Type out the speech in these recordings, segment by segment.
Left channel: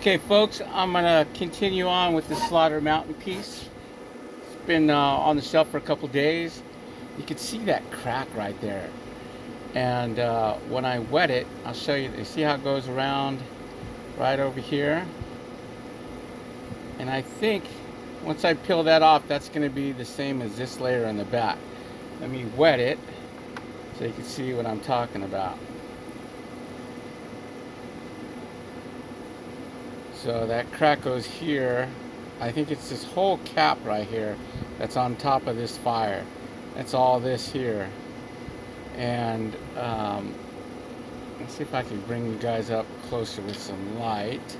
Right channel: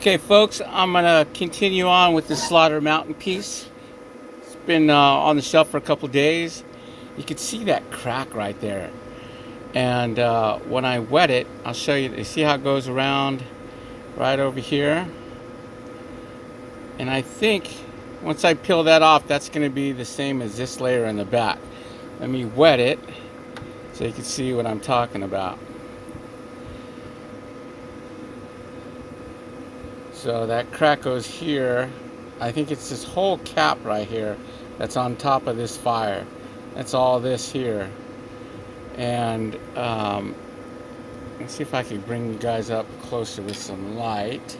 Okay, folks, I'm gonna continue on with the Slaughter Mountain piece. It's been on the shelf for a couple days. You can see that crack right there. And when I wet it, I'll show you. You see how it goes around right over here? And I think once I peel that off, that's gonna be the same as this layer in the back. Let me wet it so you can see what I'm talking about. So that crack goes here. I think it's this whole cap right here that's on top of this fire. That's all this here. And let's see if I can bring you guys up closer with some light.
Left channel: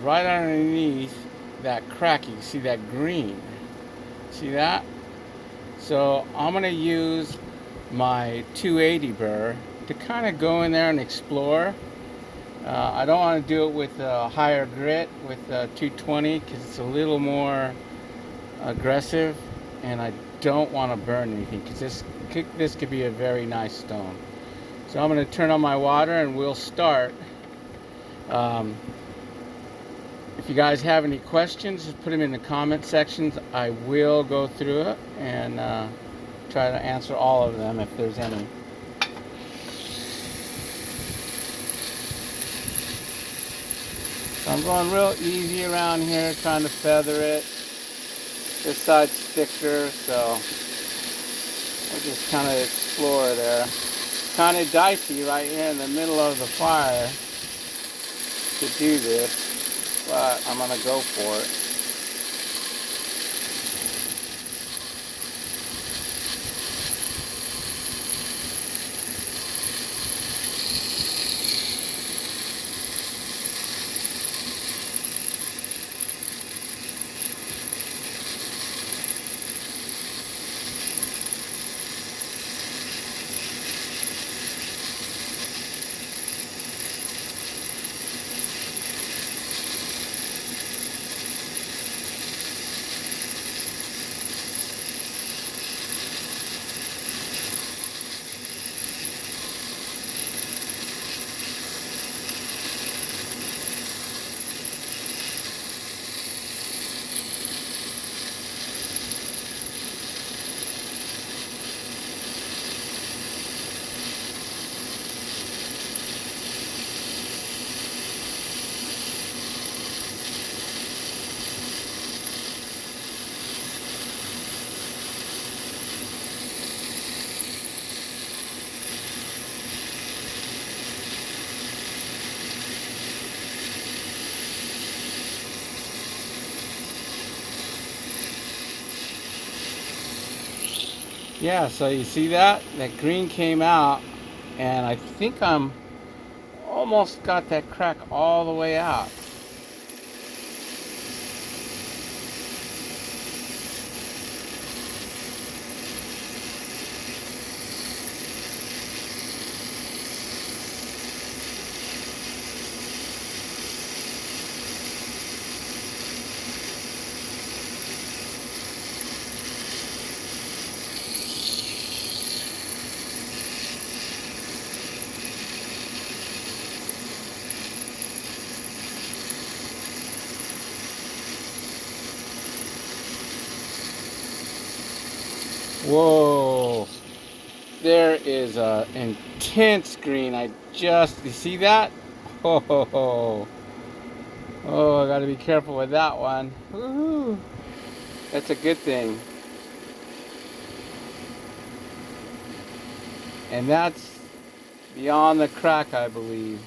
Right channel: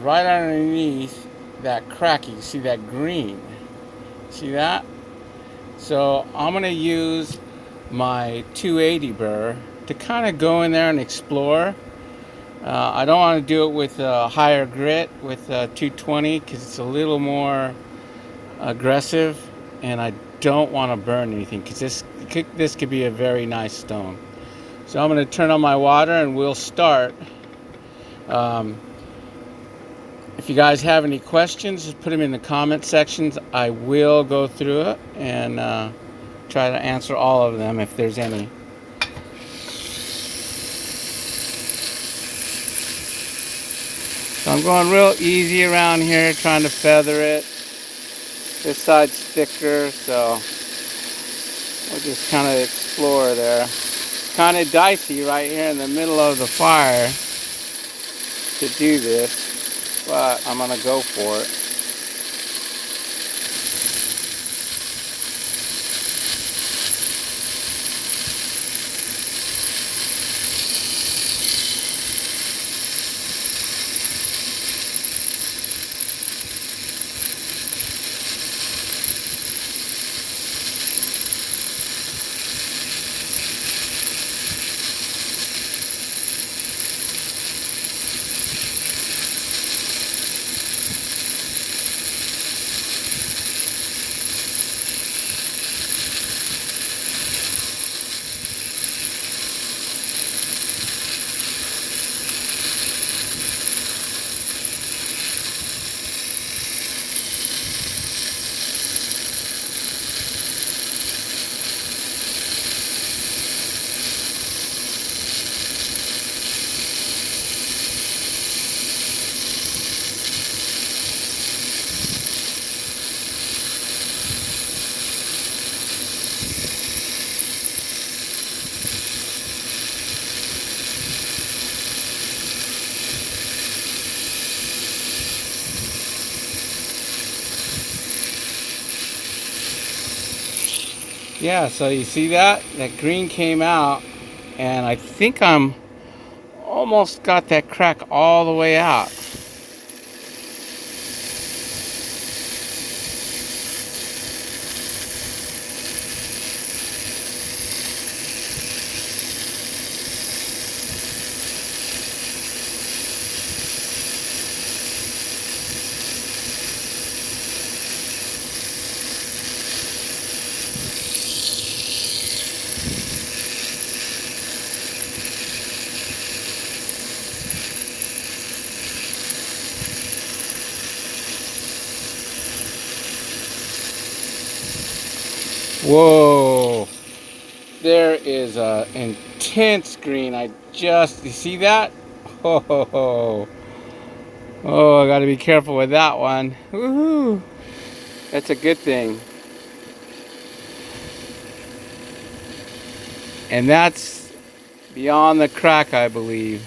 Right underneath that crack, you can see that green. See that? So I'm gonna use my 280 burr to kind of go in there and explore. I don't want to do it with a higher grit with 220 because it's a little more aggressive, and I don't want to burn anything because this could be a very nice stone. So I'm going to turn on my water and we'll start. Um, if you guys have any questions, just put them in the comment sections. I will go through it and try to answer all of them if there's any. So I'm going real easy around here, trying to feather it. This side's thicker, so I just kind of explore there. Kind of dicey right here in the middle of the fire to do this, but I'm gonna go for it. Yeah, so you see that? That green came out, and I think I'm almost got that crack all the way out. Whoa, there is a intense green. You see that? Oh, oh, I gotta be careful with that one. Woohoo! That's a good thing. And that's beyond the crack, I believe.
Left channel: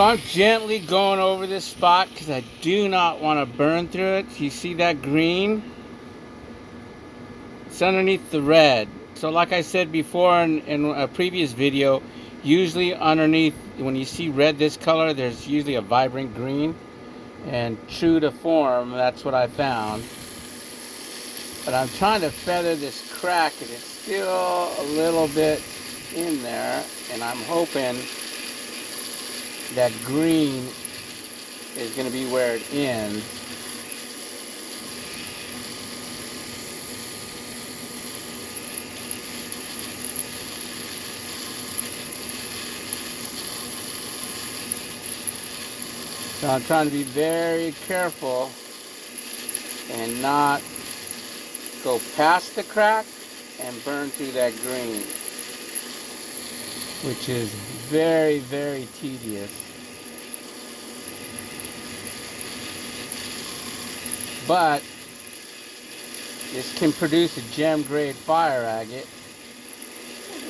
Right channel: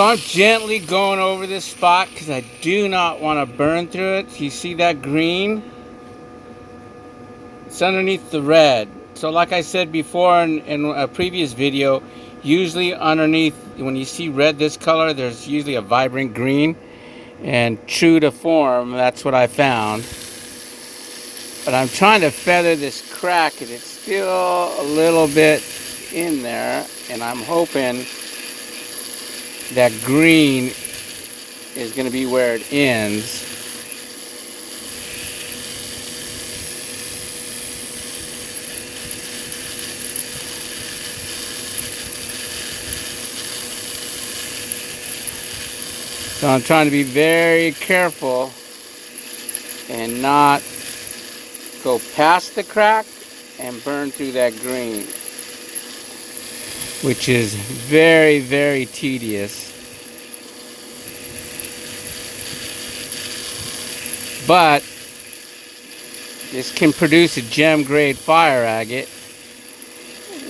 So I'm gently going over this spot because I do not want to burn through it. You see that green? It's underneath the red. So like I said before in a previous video, usually underneath, when you see red this color, there's usually a vibrant green. And true to form, that's what I found. But I'm trying to feather this crack and it's still a little bit in there. And I'm hoping that green is going to be where it ends. So I'm trying to be very careful and not go past the crack and burn through that green, which is very, very tedious. But this can produce a gem grade fire agate,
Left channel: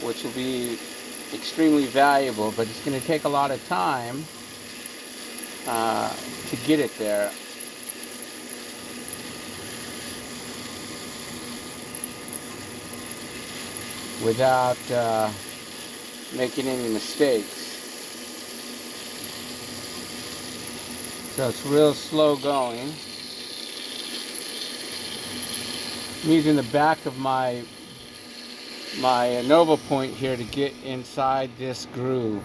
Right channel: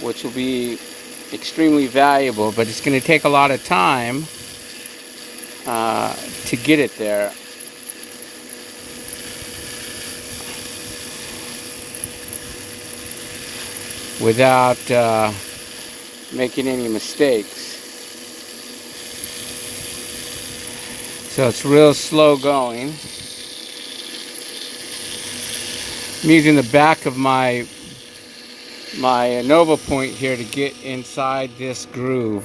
which will be extremely valuable, but it's going to take a lot of time to get it there. Without making any mistakes. So it's real slow going. I'm using the back of my Nova point here to get inside this groove.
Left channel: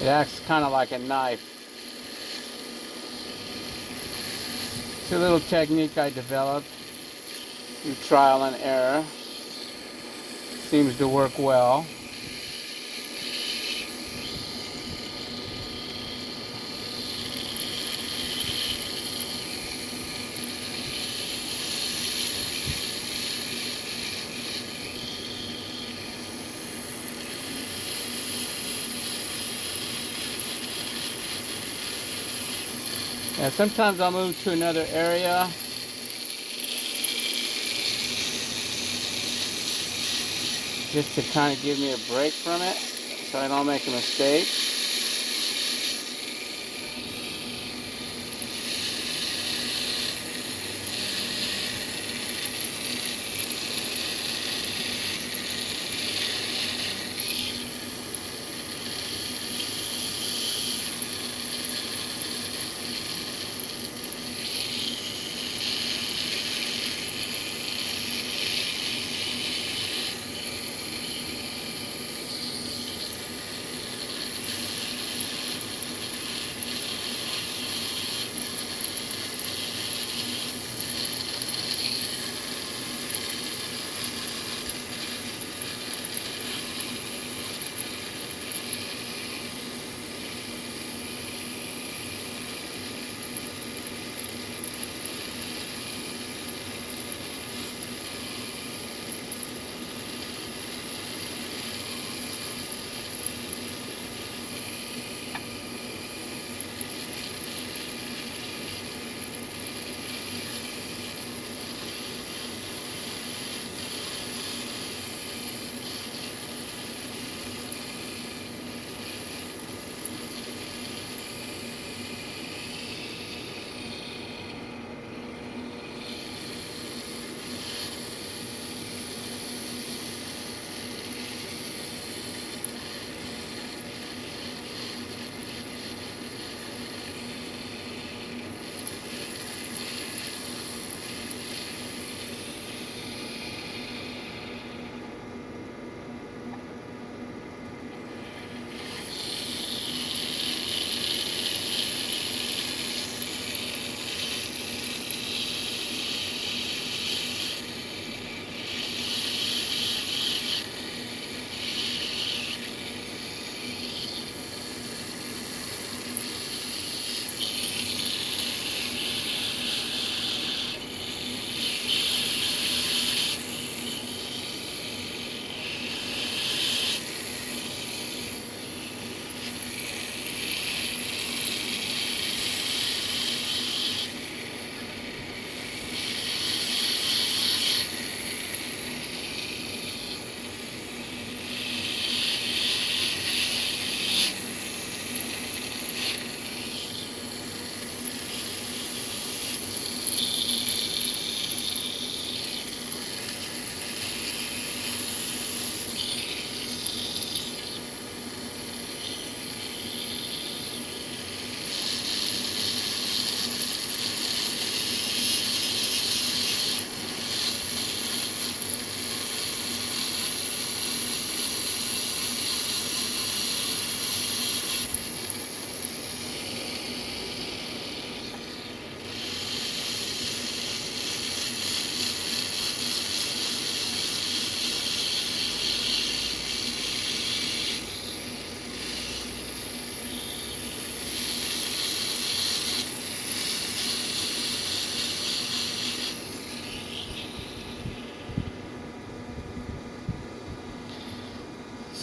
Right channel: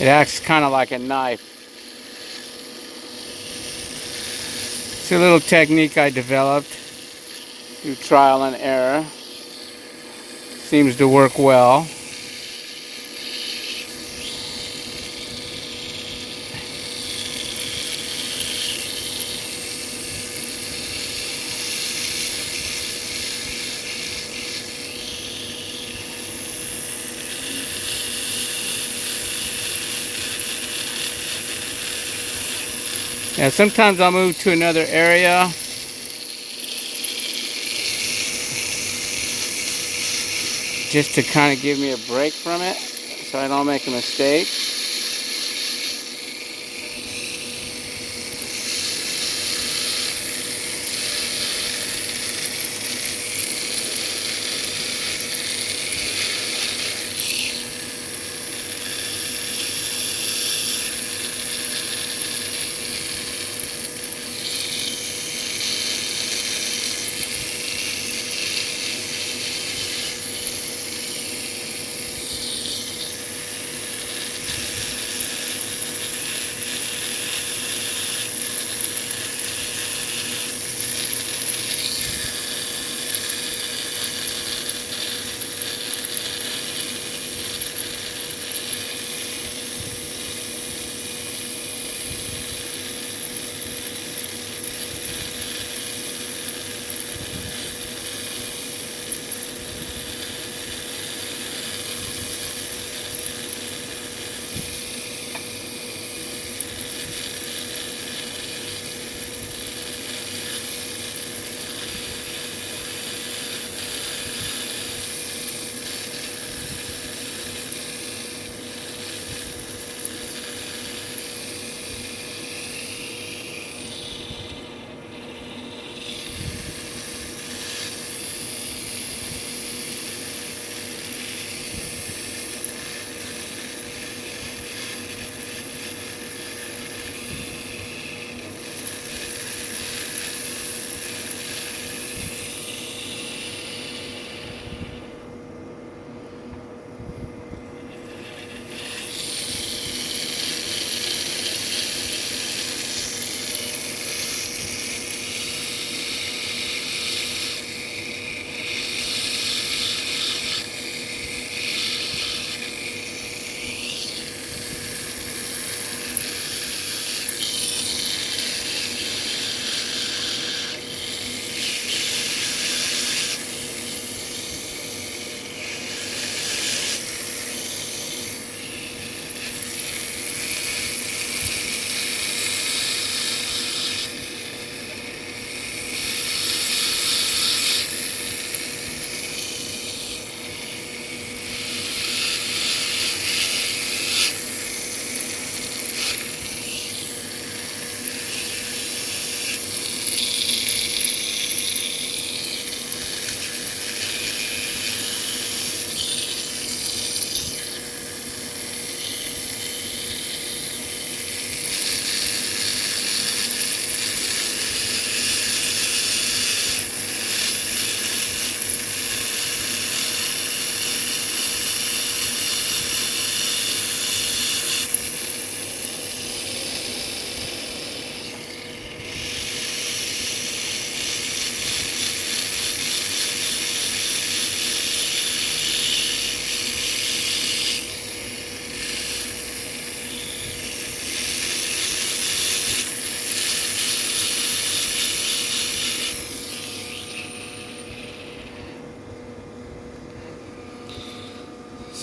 It acts kind of like a knife. It's a little technique I developed through trial and error. Seems to work well. Yeah, sometimes I'll move to another area. Just to kind of give me a break from it, so I don't make a mistake.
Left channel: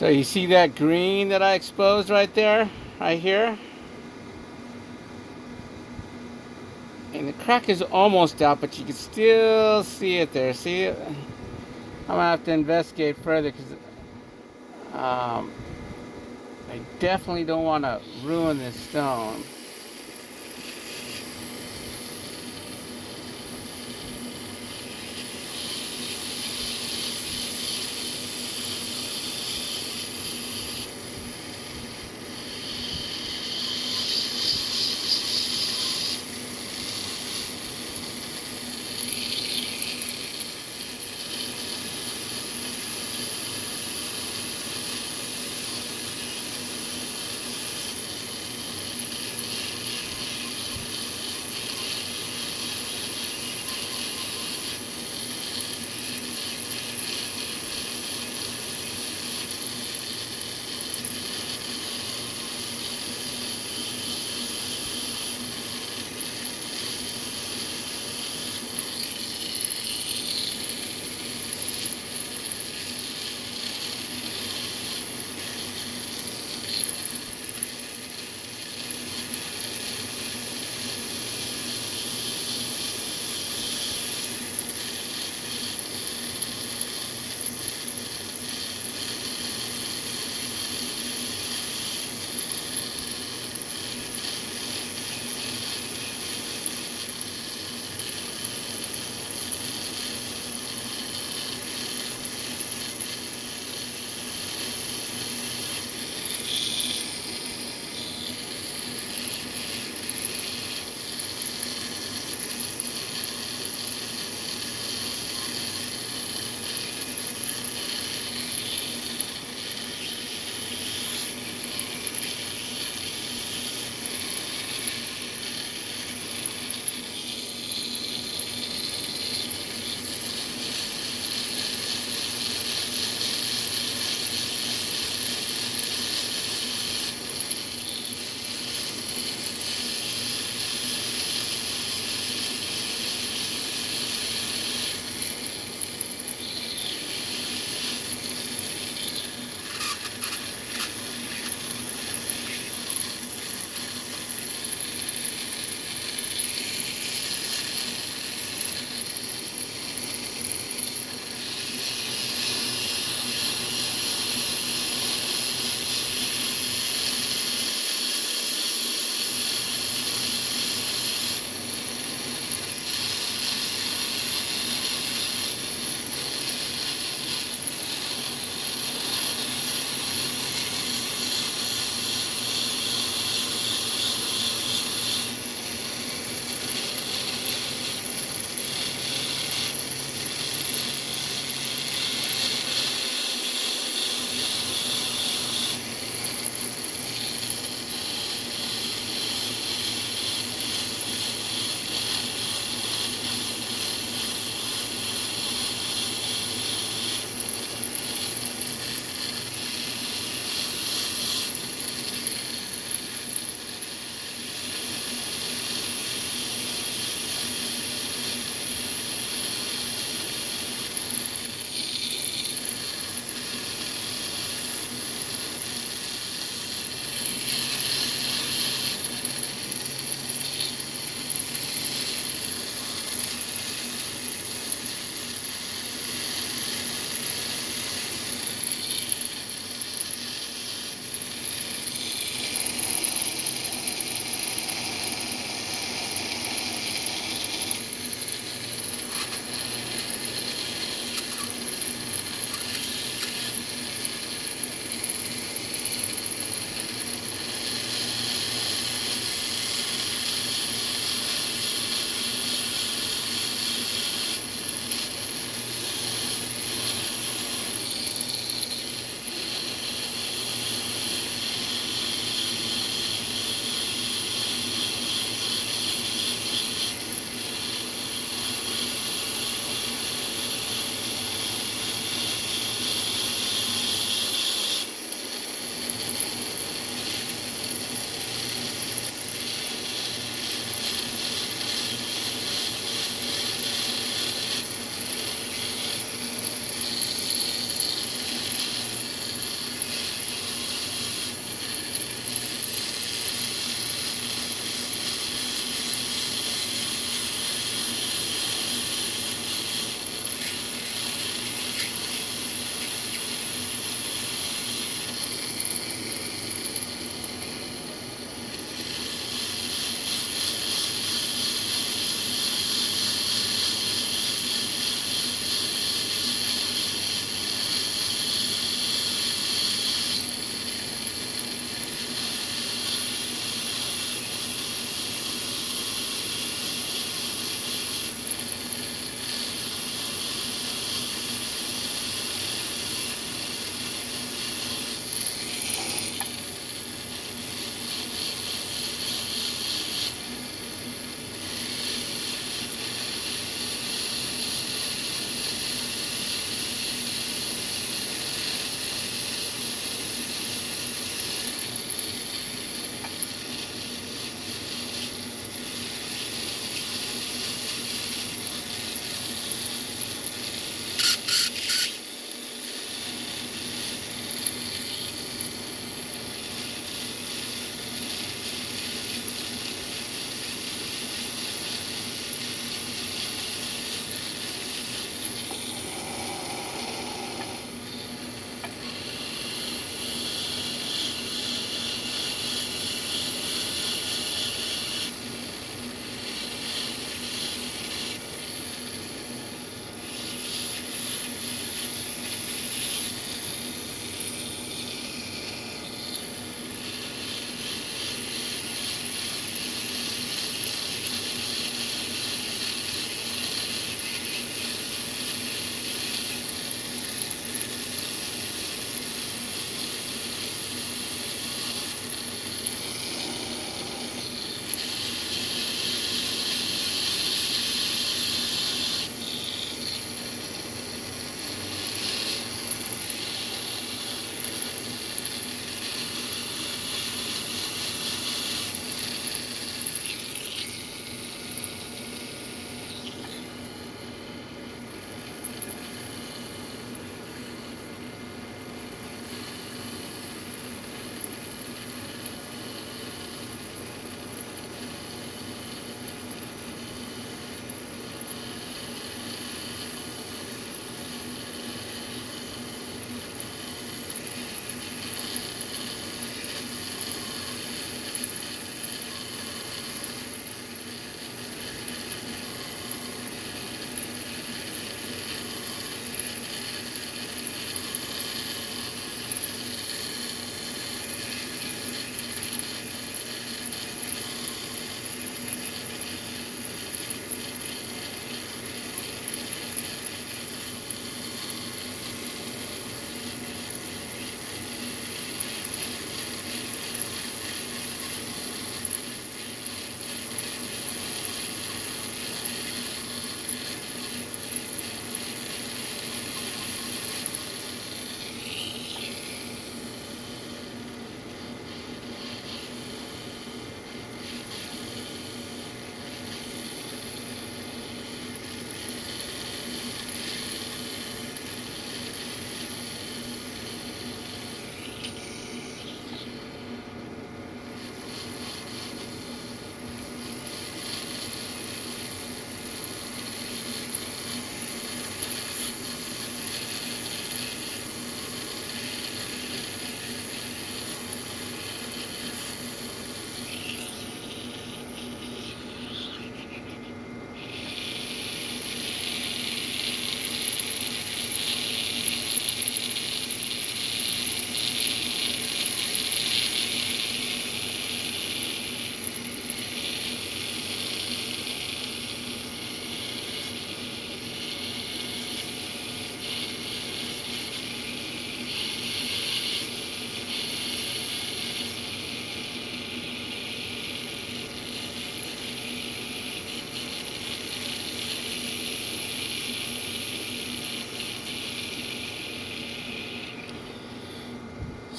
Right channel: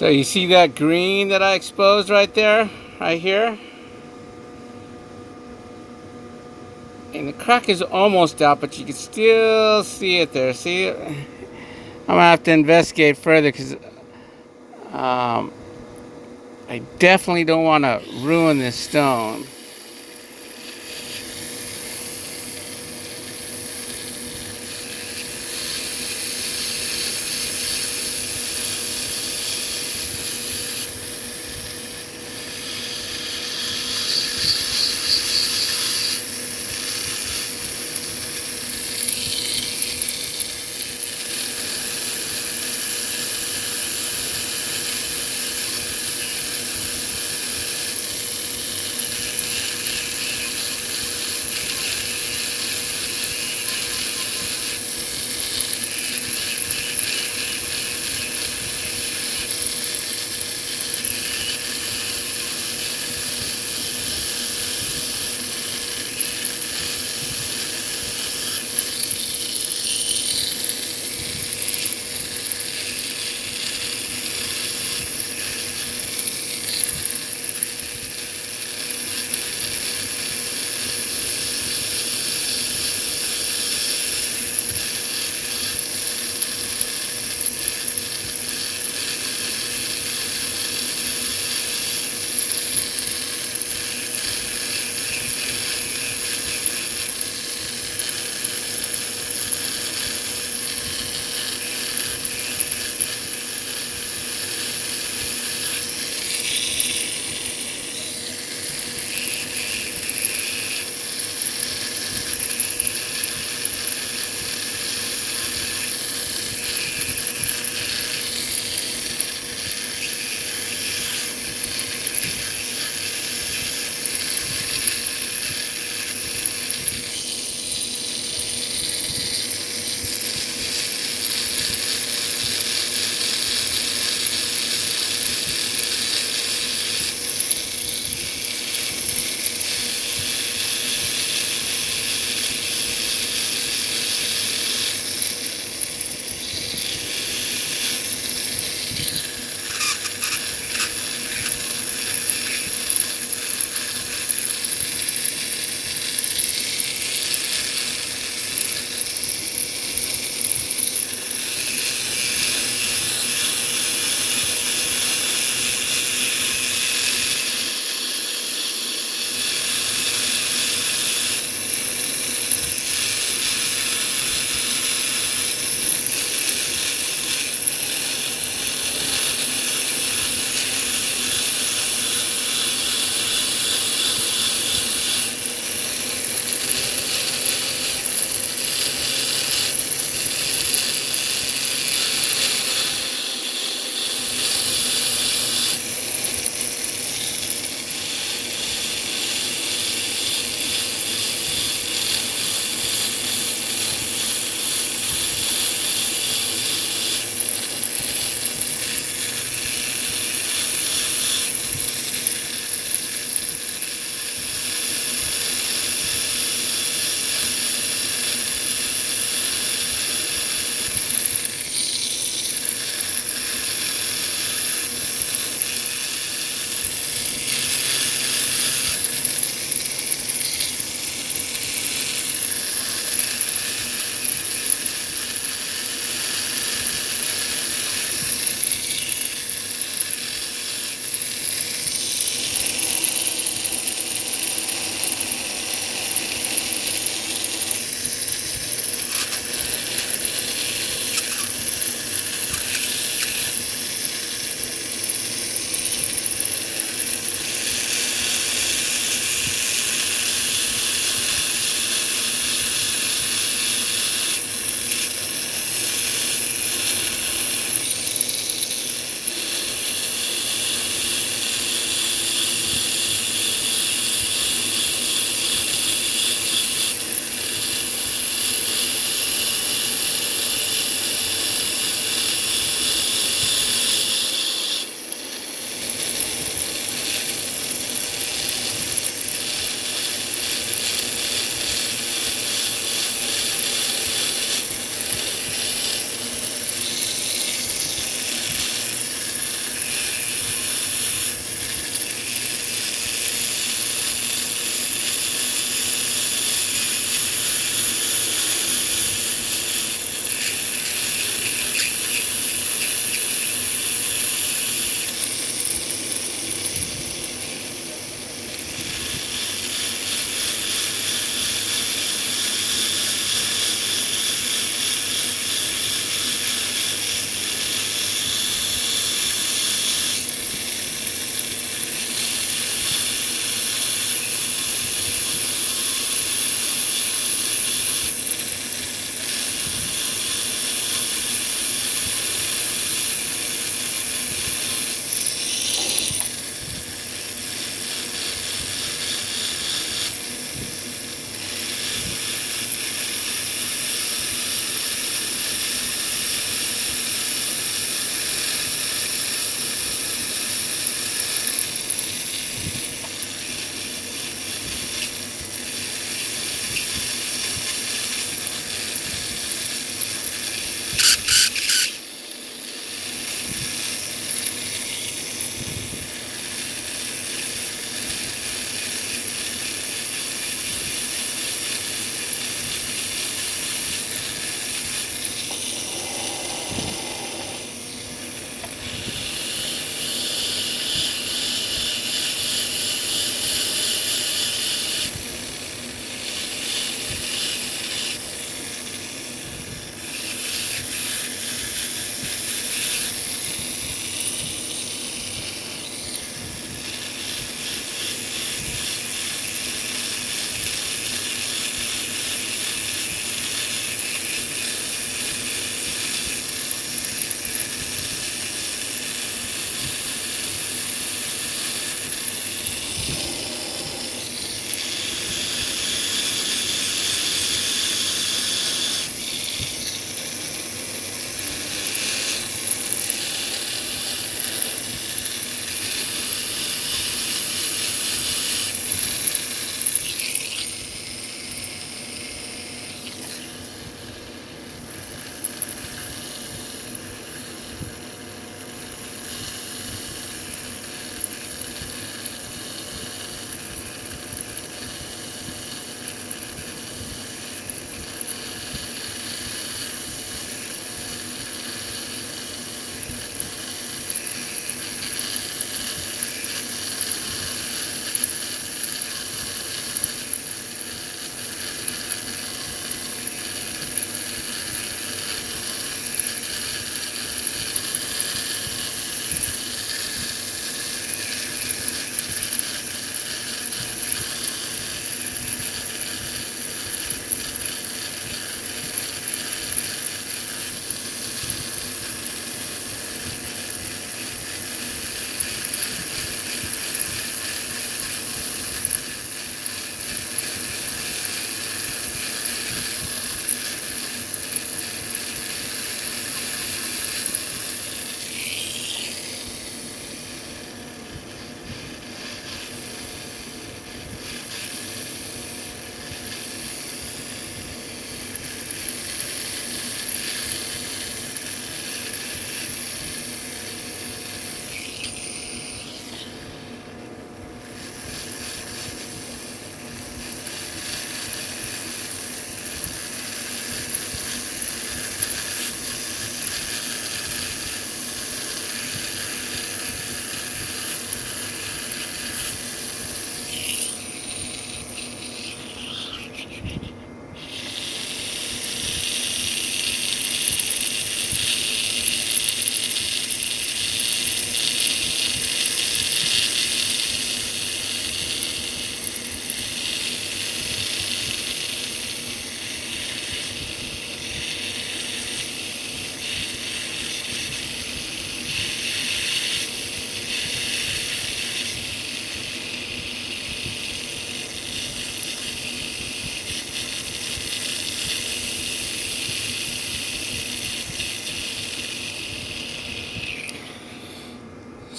So you see that green that I exposed right there, right here? And the crack is almost out, but you can still see it there. See it? I'm gonna have to investigate further because I definitely don't want to ruin this stone.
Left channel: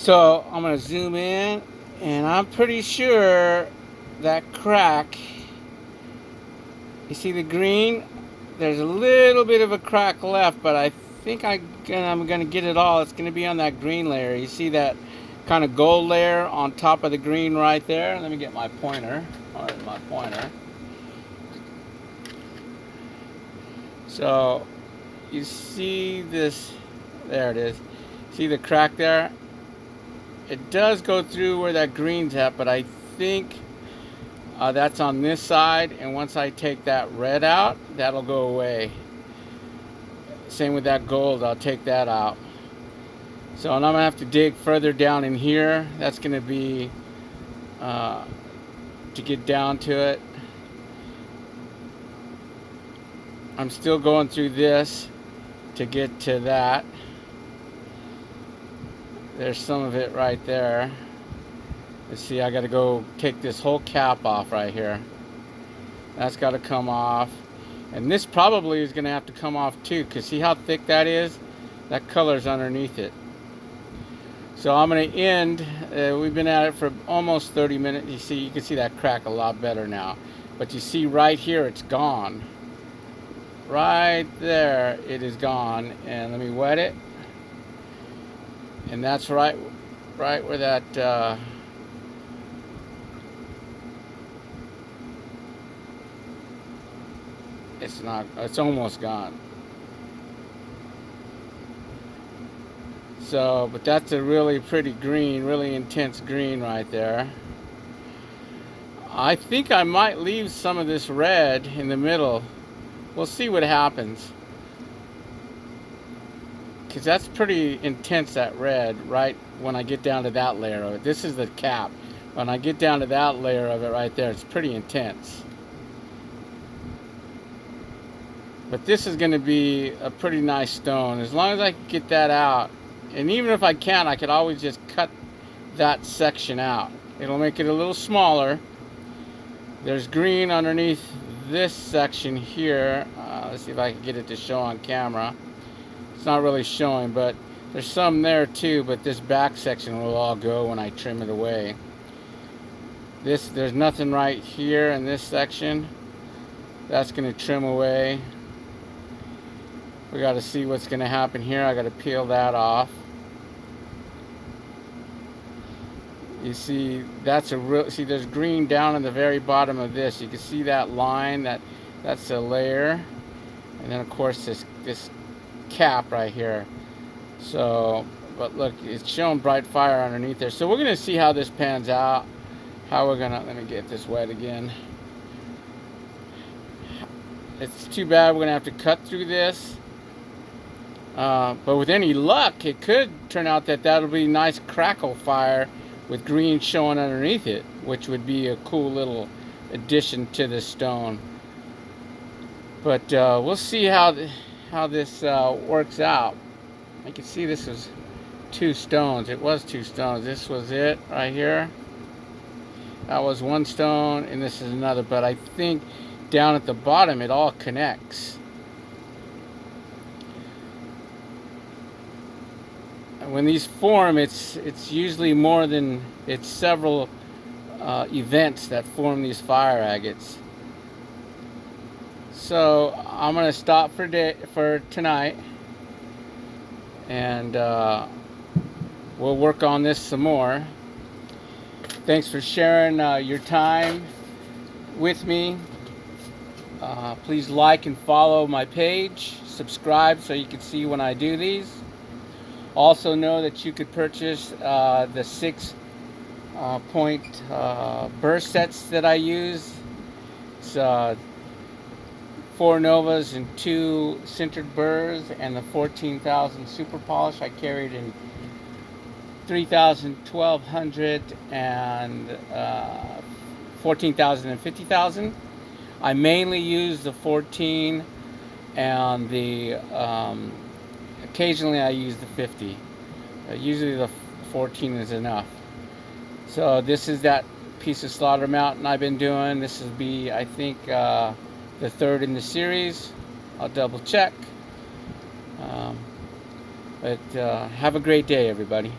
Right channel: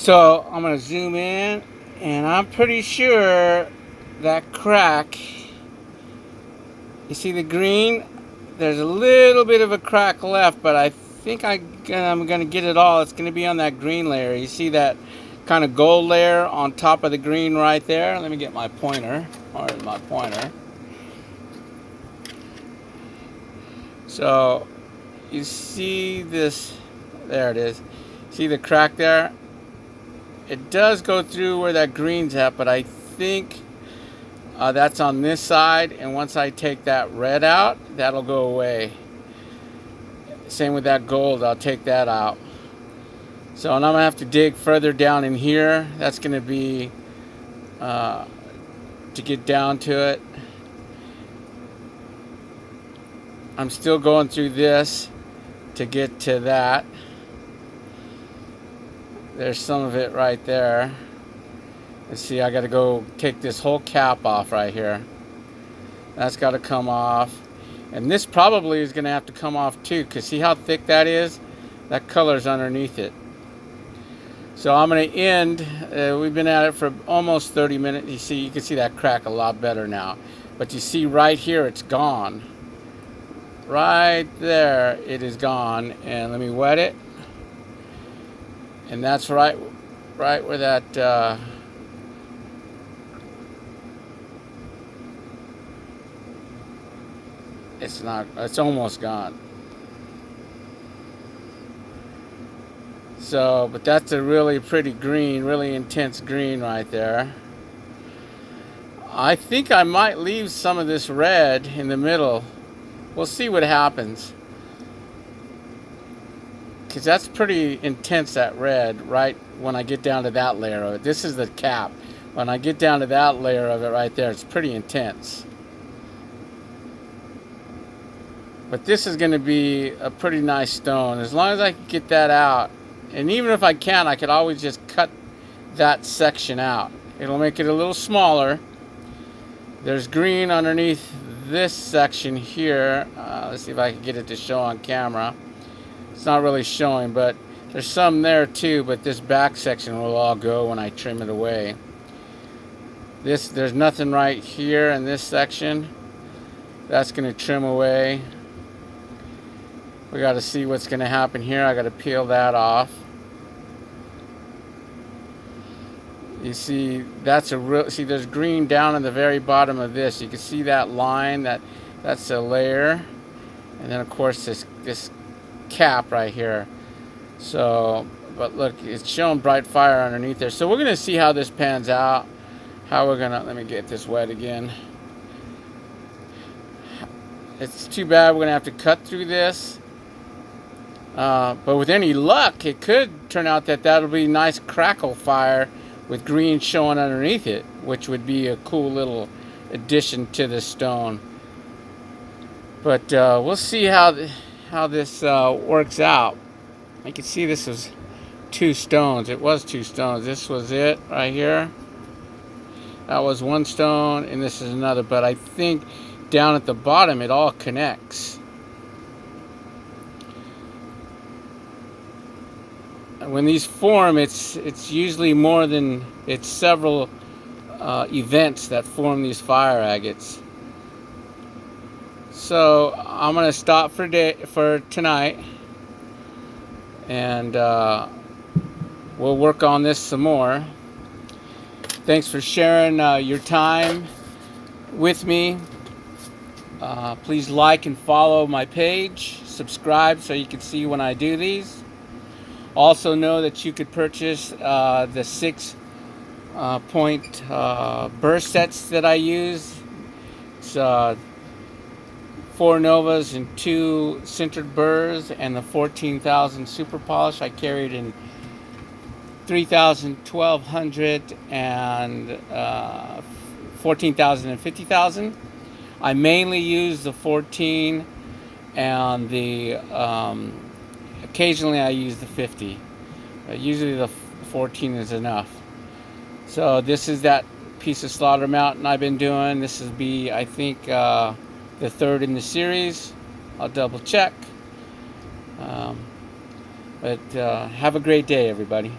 So I'm going to zoom in, and I'm pretty sure that crack, you see the green? There's a little bit of a crack left, but I think I'm going to get it all. It's going to be on that green layer. You see that kind of gold layer on top of the green right there? Let me get my pointer. Where's my pointer? So you see this, there it is. See the crack there? It does go through where that green's at, but I think that's on this side, and once I take that red out, that'll go away. Same with that gold, I'll take that out. So, and I'm gonna have to dig further down in here. That's gonna be to get down to it. I'm still going through this to get to that. There's some of it right there. Let's see, I gotta go take this whole cap off right here. That's gotta come off. And this probably is gonna have to come off too, because see how thick that is? That color's underneath it. So I'm gonna end, we've been at it for almost 30 minutes. You can see that crack a lot better now. But you see right here, it's gone. Right there, it is gone. And let me wet it. And that's right where that, it's almost gone. So, but that's a really pretty green, really intense green right there. I think I might leave some of this red in the middle. We'll see what happens. Because that's pretty intense, that red, right when I get down to that layer of it. This is the cap. When I get down to that layer of it right there, it's pretty intense. But this is going to be a pretty nice stone. As long as I can get that out. And even if I can't, I could always just cut that section out. It'll make it a little smaller. There's green underneath this section here. Let's see if I can get it to show on camera. It's not really showing, but there's some there too, but this back section will all go when I trim it away. There's nothing right here in this section. That's going to trim away. We got to see what's going to happen here. I got to peel that off. You see, that's a real. See, there's green down in the very bottom of this. You can see that line. That's a layer, and then of course this cap right here. So, but look, it's showing bright fire underneath there. So we're gonna see how this pans out. How we're gonna. Let me get this wet again. It's too bad we're gonna have to cut through this. But with any luck, it could turn out that that'll be nice crackle fire with green showing underneath it, which would be a cool little addition to the stone. But we'll see how this works out. You can see this was 2 stones. It was 2 stones. This was it right here. That was 1 stone, and this is another. But I think down at the bottom it all connects. When these form, it's usually more than, it's several events that form these fire agates. So I'm gonna stop for tonight, and we'll work on this some more. Thanks for sharing your time with me. Please like and follow my page. Subscribe so you can see when I do these. Also know that you could purchase the 6 point burr sets that I use. It's 4 Novas and 2 centered burrs, and the 14,000 super polish I carried in 3,000, 1,200, and 14,000 and 50,000. I mainly use the 14 and the occasionally I use the 50. Usually the 14 is enough. So this is that piece of Slaughter Mountain I've been doing. This will be, I think, the 3rd in the series. I'll double check. But have a great day, everybody.